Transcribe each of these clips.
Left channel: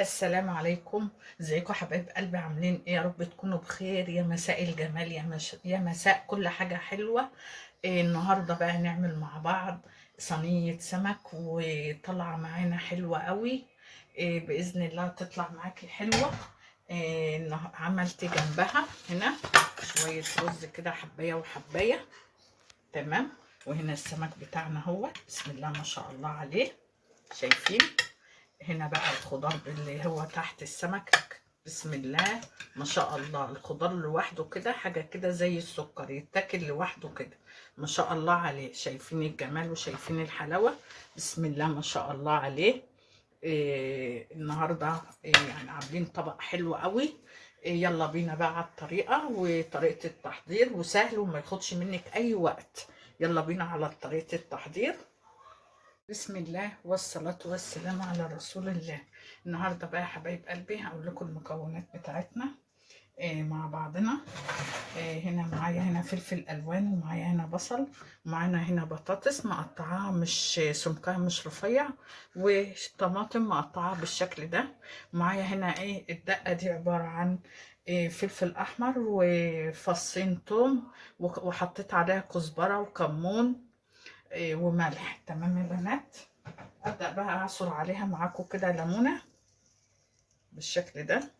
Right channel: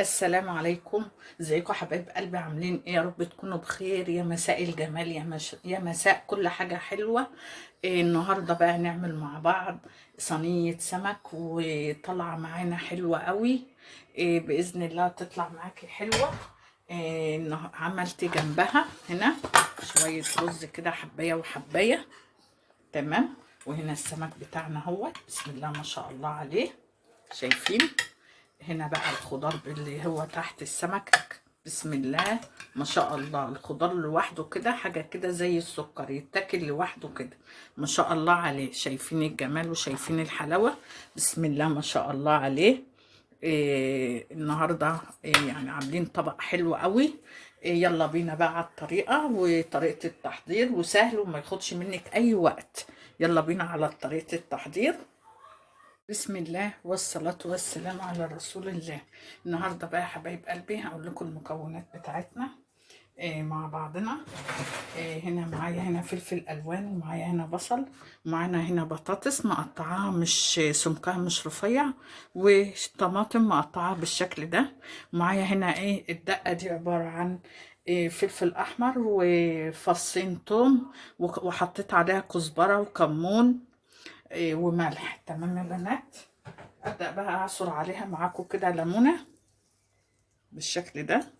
السلام عليكم. ازيكم حبايب قلبي؟ عاملين ايه؟ يا رب تكونوا بخير. يا مساء الجمال، يا مساء كل حاجة حلوة. النهاردة بقى نعمل مع بعض صينية سمك، وطلع معانا حلوة قوي. بإذن الله تطلع معاكي حلوة. عملت جنبها هنا شوية رز كده، حباية وحباية. تمام. وهنا السمك بتاعنا هو، بسم الله ما شاء الله عليه. شايفين؟ هنا بقى الخضار اللي هو تحت السمك، بسم الله ما شاء الله. الخضار لوحده كده حاجة كده زي السكر، يتاكل لوحده كده. ما شاء الله عليه. شايفين الجمال وشايفين الحلاوة؟ بسم الله ما شاء الله عليه. النهاردة يعني عاملين طبق حلو قوي. يلا بينا بقى على الطريقة وطريقة التحضير، وسهل وما ياخدش منك أي وقت. يلا بينا على طريقة التحضير. بسم الله والصلاة والسلام على رسول الله. النهاردة بقى يا حبايب قلبي هقول لكم المكونات بتاعتنا مع بعضنا. هنا معايا هنا فلفل ألوان، ومعايا هنا بصل، ومعانا هنا بطاطس مقطعاها مش سمكها مش رفيع، وطماطم مقطعاها بالشكل ده. ومعايا هنا الدقة دي عبارة عن فلفل أحمر وفصين توم، وحطيت عليها كزبرة وكمون وملح. تمام يا بنات. ابدا بقى اعصر عليها معاكم كده ليمونه بالشكل ده،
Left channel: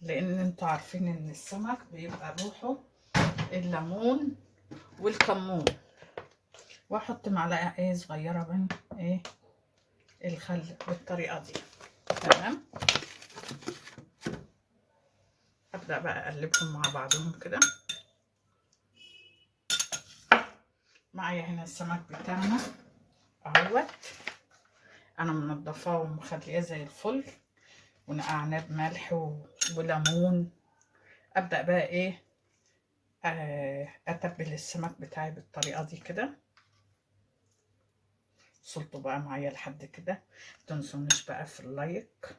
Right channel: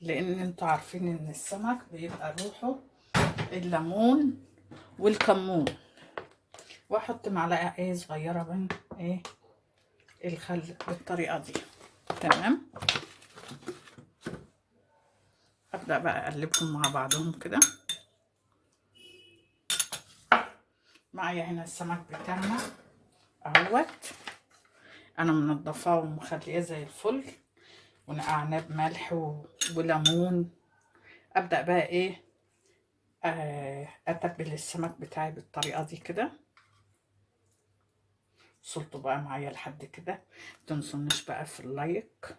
لان انتوا عارفين ان السمك بيبقى روحه الليمون والكمون. واحط معلقه صغيره من الخل بالطريقه دي. تمام. ابدا بقى اقلبهم مع بعضهم كده. معايا هنا السمك بتاعنا اهوت، انا منضفاه ومخليه زي الفل، ونقعناه بملح وليمون. ابدا بقى اتبل السمك بتاعي بالطريقه دي كده. وصلتوا بقى معايا لحد كده؟ متنسونيش بقى في اللايك،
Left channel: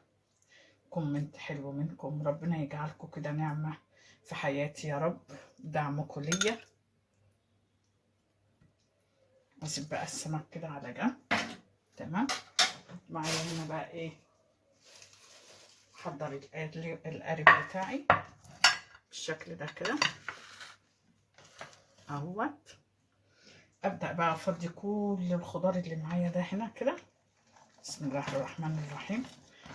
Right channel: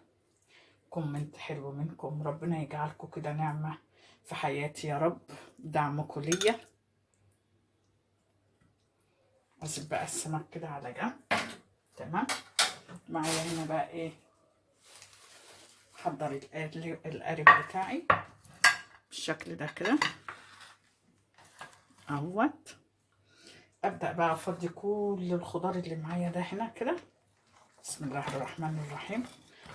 كومنت حلو منكم، ربنا يجعلكم كده نعمه في حياتي يا رب، دعمكم ليا. اسيب بقى السمك كده على جنب. تمام. معايا هنا بقى حضر القارب بتاعي بالشكل ده كده اهوت. ابدا بقى افضي كل الخضار اللي معايا ده هنا كده. بسم الله الرحمن الرحيم.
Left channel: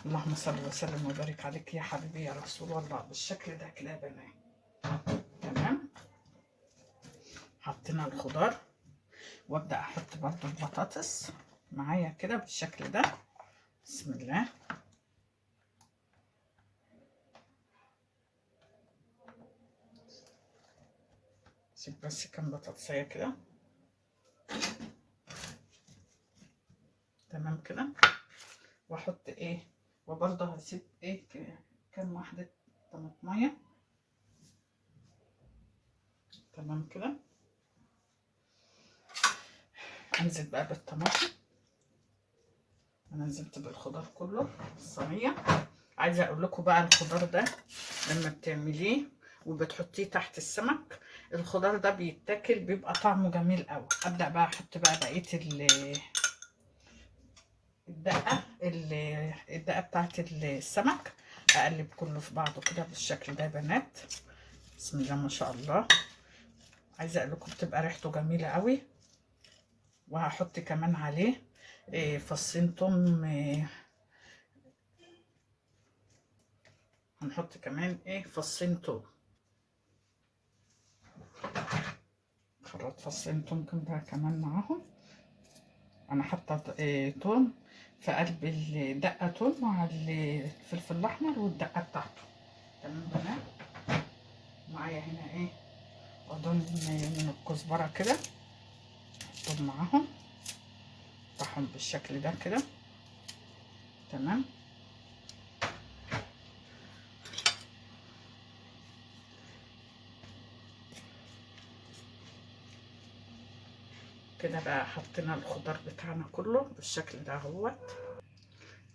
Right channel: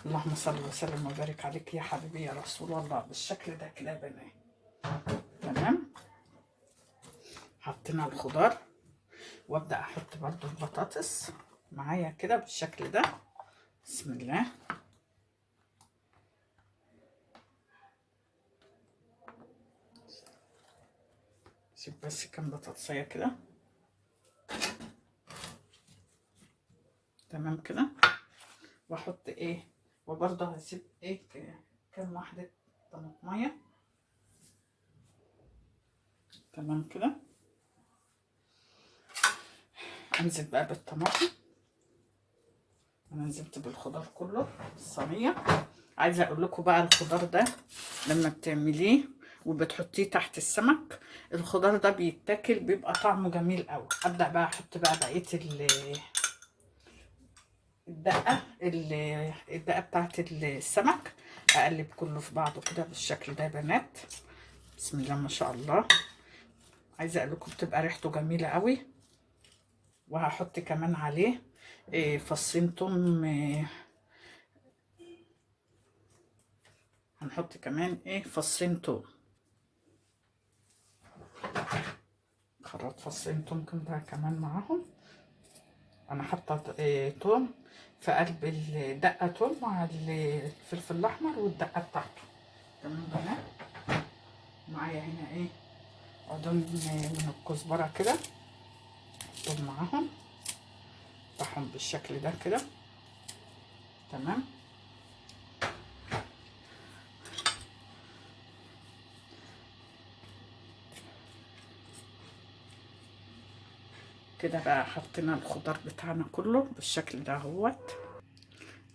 اللهم صل وسلم وبارك عليك يا حبيبي يا رسول الله. بالشكل ده كده يا بنات. تمام. حطينا الخضار، وابدا احط برضو البطاطس معايا كده بالشكل ده. بسم الله. سيب بس كام بطاطسيه كده. تمام كده. واحط وبرضه هسيب كام واحده طماطميه. تمام كده. انزل بقى بالطماطم. انا نزلت بالخضار كله في الصينيه. عايزه اقول لكم بقى الخضار ده لما بتعمليه وبتحطيه تحت السمك، الخضار ده بيتاكل بيبقى طعمه جميل قوي. ابدا بقى احط بقى بقيه الدقه بتاعت السمك. اقلب كله في بعضه كده بالشكل ده يا بنات. بسم الله ما شاء الله. عايزه اقول لكم بتبقى ريحته جميله قوي. وهحط كمان عليه فصين توم. هنحط كمان فصين توم. خرط فصين توم كده كمان معاهم. انا حاطه توم في قلب الدقه، توم مع الفلفل الاحمر والدقه بتاعته. تمام بنات. معايا هنا عودين من الكزبره كده، احطهم معاهم، افتحهم بالشكل ده كده. تمام. كده بقى حطينا الخضار بتاعنا كله بالشكل ده اهوت.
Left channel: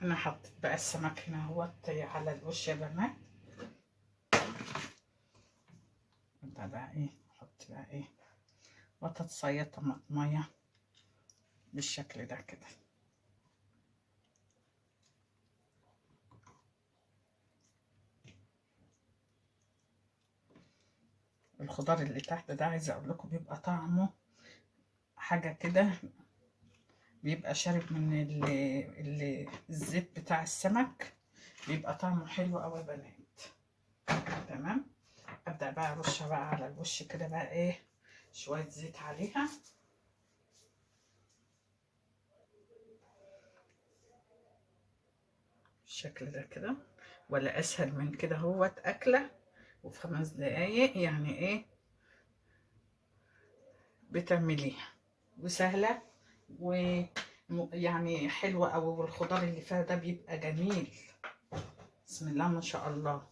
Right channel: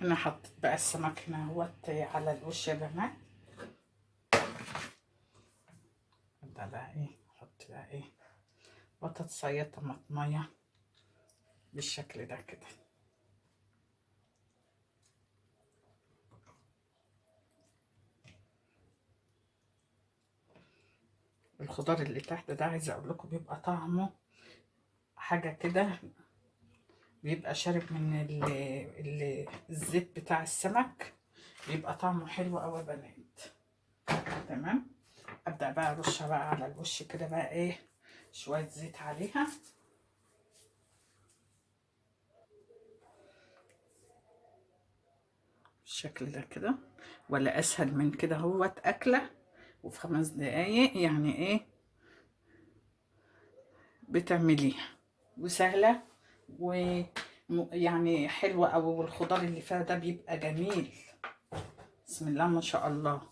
انا حطيت بقى السمك هنا اهوت على الوش يا بنات. ابدا بقى احط بقى بطاطسية طماطمية بالشكل ده كده. الخضار اللي تحت ده عايزه اقول لكم بيبقى طعمه حاجه كده، بيبقى شارب من الزيت بتاع السمك، بيبقى طعمه حلو قوي يا بنات. تمام. ابدا بقى ارشها بقى على الوش كده بقى ايه، شويه زيت عليها. بالشكل ده كده. ولا اسهل من كده هوت اكله وفي 5 دقايق يعني ايه بتعمليها، وسهله ويعني حلوه قوي، والخضار اللي فيها ده بيبقى جميل. بسم الله ما شاء الله.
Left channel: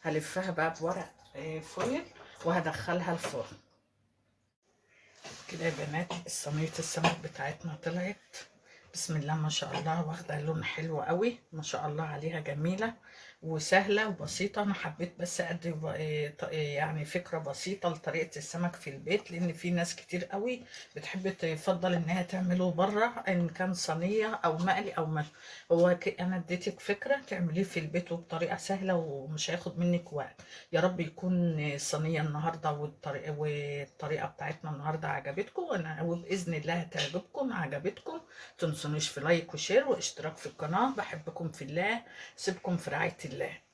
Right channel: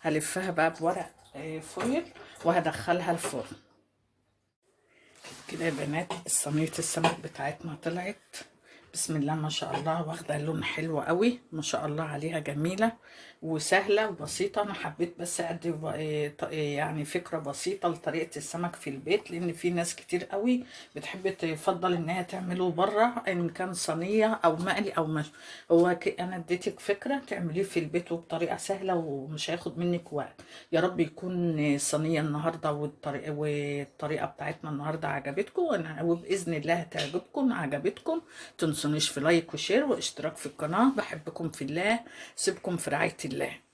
هلفها بقى بورق فويل وهدخلها الفرن. كده يا بنات صينية السمك بتاعتنا طلعت بسم الله ما شاء الله، واخده لون حلو قوي ما شاء الله عليها، جميله وسهله وبسيطه. انا حبيت بس ادي يعني فكره بسيطه لطريقه السمك في البيت، لان في ناس كتير قوي بتحب تفضل انها تعمله بره، ان كان صينيه او مقلي او مشوي. هو انا اديتك فكره تعمليه في البيت وبطريقه سهله ومش هياخد منك وقت. يا رب يكون الصينيه النهارده والطريقه بتاعتنا النهارده عجبتكم، وباذن الله هتعجبكم. عجبتكم تنسونيش في لايك وشير واشتراك في القناة. بحبكم في الله، سيبكم في رعاية الله.